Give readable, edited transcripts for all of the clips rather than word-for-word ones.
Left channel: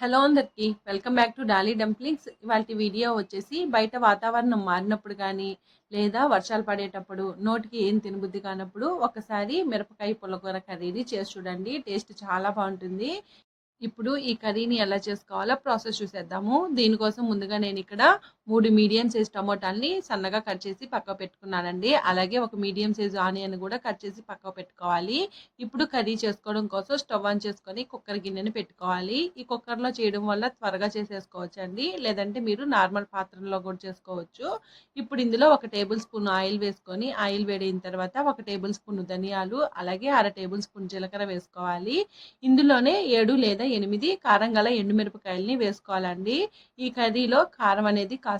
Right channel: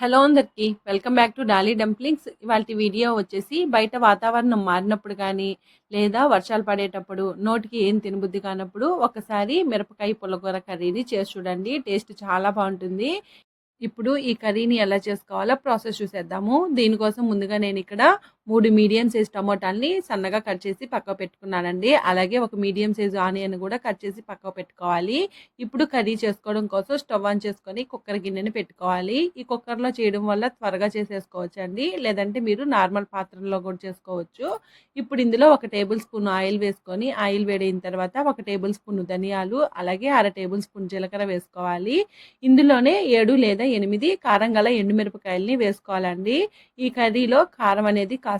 Hello అందరికి welcome back to Dolly dumplings. ఇవాల్టి video వచ్చేసి బయట వాతావరణం మారినప్పుడు కానీ లేదా వర్షాలు పడేటప్పుడు నోటికి ఏం తినబుద్ధి కానప్పుడు ఒకసారి మిరపకాయ పుల్లకూర కర్రీని చేసి చూడండి. టేస్ట్ చాలా బాగుంటుంది. ఇప్పుడు ఈ కర్రీని ఎలా చేసుకోవాలో ప్రాసెస్ చూసేద్దాము. దీనికోసం ముందుగా నేను ఇక్కడ 3 మీడియం సైజ్ టమోటాలని సన్నగా కట్ చేసి పక్కకు పెట్టుకున్నానండి. అలాగే ఒక మీడియం సైజ్ ఆనియన్ కూడా కట్ చేసి పక్కకు పెట్టుకోవాలి. ఇప్పుడు కర్రీ చేసుకోవడం కోసం స్టవ్ ఆన్ చేసుకొని కుక్కర్ గిన్నెని పెట్టుకోవాలి. ఈ కుక్కర్లో చేయడం వల్ల త్వరగా చేసేసుకోవచ్చు అండి. లేదంటే మీరు నార్మల్ పాత్రలో కూడా చేసుకోవచ్చు. ఇప్పుడు ఇందులో 1 టేబుల్ స్పూన్ ఆయిల్ వేసుకొని ఆయిల్ వేడైన తర్వాత 1 టేబుల్ స్పూన్ ధనియాలు అలాగే 1/2 టేబుల్ స్పూన్ జీలకర్ర వేసుకోవాలి. ఇందులోనే 7 లేదా 8 కారం గల ఎండుమిరపకాయలని వేసుకోవాలండి. ఈ కర్రీలో కారం అనేది కాస్త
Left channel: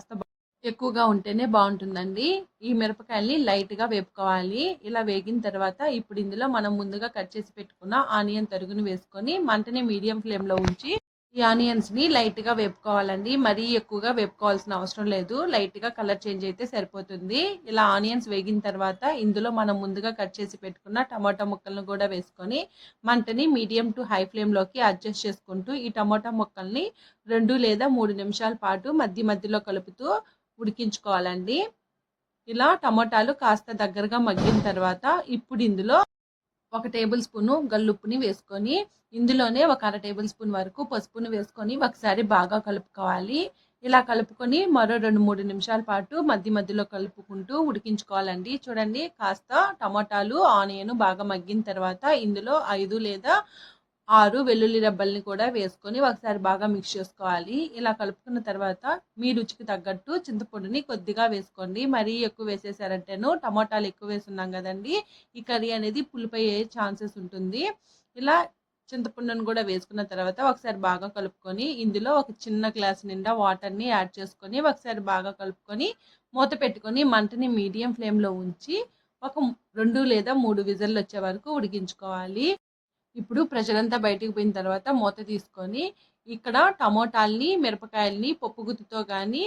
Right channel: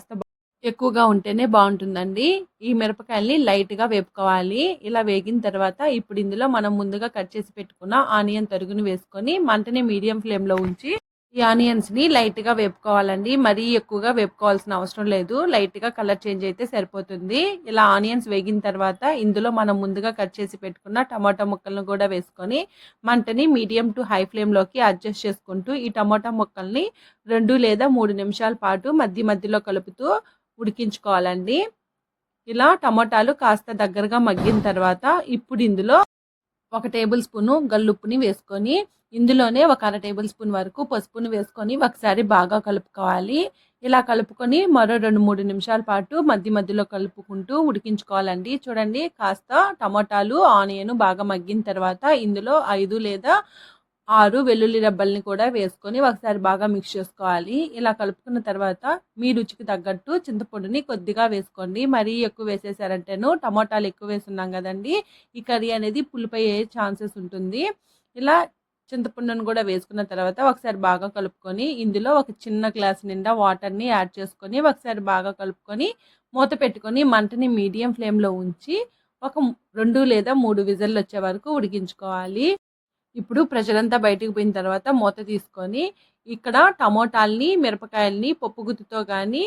ఎక్కువగా ఉంటేనే బాగుంటుందండి. ఈ మిరపకాయల్ని లైట్గా వేపుకోవాలి. ఇలా వేగిన తర్వాత ఇప్పుడు ఇందులో మనం ముందుగా కట్ చేసి పెట్టుకున్న ఆనియన్ తరుగుని వేసుకొని మంటని మీడియం ఫ్లేమ్లో ఉంచి ఈ ఆనియన్స్ని లైట్గా వేపుకోవాలండి. మరీ ఎక్కువగా వేపుకోవాల్సిన అవసరం లేదు. లైట్గా కలర్ చేంజ్ అయితే సరిపోతుంది. ఇలా ఆనియన్స్ వేగిన తర్వాత ఇందులో మనం ముందుగా కట్ చేసి పెట్టుకున్న టమాటా ముక్కలను కూడా వేసుకొని మంటని మీడియం టు హై ఫ్లేమ్లోకి అడ్జస్ట్ చేసుకుంటూ ఈ టమాటా ముక్కల్ని 2 లేదా 3 నిమిషాల పాటు మధ్య మధ్యలో కలుపుతూ ఉడికించుకోవాలండి. ఇలా టమాటాలు కాస్త దగ్గరగా మగ్గిన తర్వాత ఇప్పుడు ఇందులో 1 టేబుల్ స్పూను గల్లుప్పుని వేసుకొని ఇందులోనే 1/2 టేబుల్ స్పూన్ వరకు పసుపుని వేసుకొని ఒకసారి బాగా కలుపుకోవాలి. ఇలా కలుపుకొని మరో 2-3 నిమిషాల పాటు మధ్య మధ్యలో కలుపుకుంటూ ఉడికించుకోవాలండి. చూడండి, కాస్త టమాటాలు ఆనియన్ బాగా మగ్గిన తర్వాత ఇందులో 5 లేదా 6 వెల్లుల్లి రెబ్బల్ని కూడా వేసుకొని ఒకసారి బాగా మిక్స్ చేసుకోవాలి. ఇలా కలుపుకున్న తర్వాత మీ రుచికి తగ్గట్టు చింతపండుని కొద్దిగా వేసుకోండి. మరీ ఎక్కువ వేసేసారంటేను టమాటాలు ఎక్కువ వేసున్నాం కదండి, ఈ కర్రీ అనేది పులిపోయే ఛాన్సెస్ ఉంటుంది. ఇలా చింతపండును కూడా వేసుకున్న తర్వాత ఒకసారి బాగా కలుపుకొని ఇందులో ఒక చిన్న గ్లాస్ నిండా వాటర్ని యాడ్ చేసుకొని ఒకసారి బాగా కలుపుకొని మూత పెట్టుకొని మంటని మీడియం ఫ్లేమ్లో ఉంచి ఒక 2 లేదా 3 విజిల్లు వచ్చే వరకు ఉడికించుకోవాలి. ఇప్పుడు ప్రెషర్ బయటికి పోయిన తర్వాత మూత తీసుకొని ఇక్కడ టమోటాల్ని మిరపకాయల్ని పప్పు గుత్తితో కానీ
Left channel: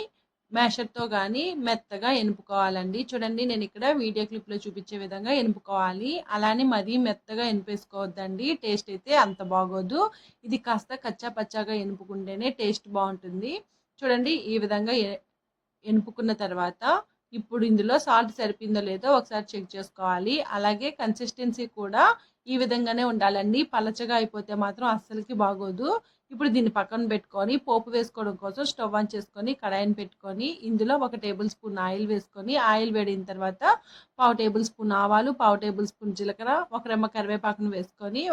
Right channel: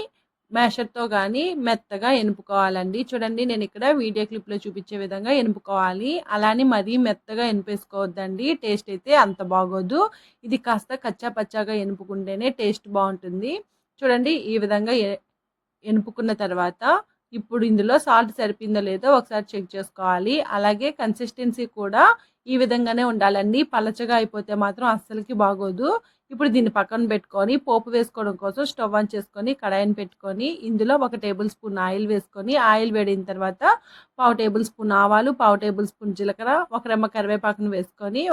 మ్యాషర్తో కానీ మెత్తగా ఎనుపుకోవాలండి. చూడండి, నేను ఇక్కడ వీడియో క్లిప్లో చూపించే విధంగా ఎనుపుకోవాలి. అలానే మరీ మెత్తగా ఎనిపేసుకోవద్దండి, టేస్ట్ అయితే అంత బాగోదు. ఇది కాస్త కచ్చా పచ్చాగా ఎనుపుకుంటేనే టేస్ట్ బాగుంటుంది. చూడండి, ఈ విధంగా ఎనుపుకున్న తర్వాత ఇప్పుడు ఇందులో సాల్ట్ సరిపోయిందో లేదో ఒకసారి చెక్ చేసుకోవాలి. అలాగే కన్సిస్టెన్సీ కూడా ఈ విధంగానే ఉండాలండి. పలచగా అయిపోతే మాత్రం అస్సలకి బాగోదు. ఇప్పుడు దీన్ని పక్కన పెట్టుకొని పోపు వేసుకోవడం కోసం స్టవ్ ఆన్ చేసుకొని కడాయిని పెట్టుకొని ఇందులో 1 టేబుల్ స్పూన్ ఆయిల్ వేసుకొని ఆయిల్ వేడిన తర్వాత 1/2 టేబుల్ స్పూన్ ఆవాలు 1/2 టేబుల్ స్పూన్ జీలకర్ర 1 రెమ్మ కరివేపాకును వేసుకొని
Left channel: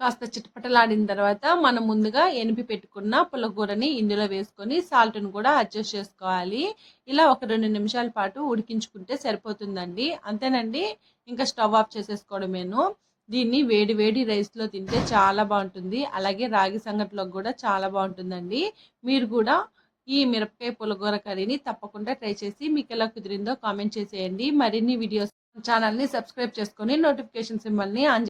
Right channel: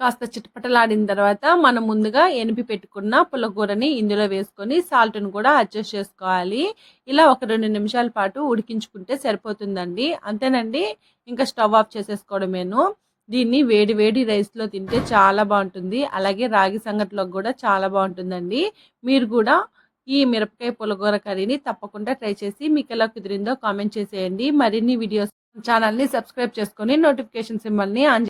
కాస్త చిటపటలాడిన తర్వాత మనం ముందుగా ఎనిపి పెట్టుకున్న పుల్లకూరని ఇందులో వేసుకొని సాల్ట్ను కూడా అడ్జస్ట్ చేసుకోవాలి. ఇలా ఒక 2 నిమిషాల పాటు ఉడికించుకుంటే సరిపోతుందండి. అంతేనండి, ఇంకా స్టవ్ ఆఫ్ చేసేసుకోవడమేను. దీన్ని వేడి వేడి రైస్లో తింటే చాలా బాగుంటుంది. అలాగే రాగి సంగటిలోకి కూడా చాలా బాగుంటుందండి. మీరు కూడా ఈ మిరపకాయ పుల్లకూర కర్రీని తప్పకుండా ట్రై చేసి మీకు ఎలా కుదిరిందో కామెంట్ చేసేయండి. మరిన్ని వీడియోస్ ఛానల్ని సబ్స్క్రైబ్ చేసుకొని నోటిఫికేషన్ సింబల్ని ఆన్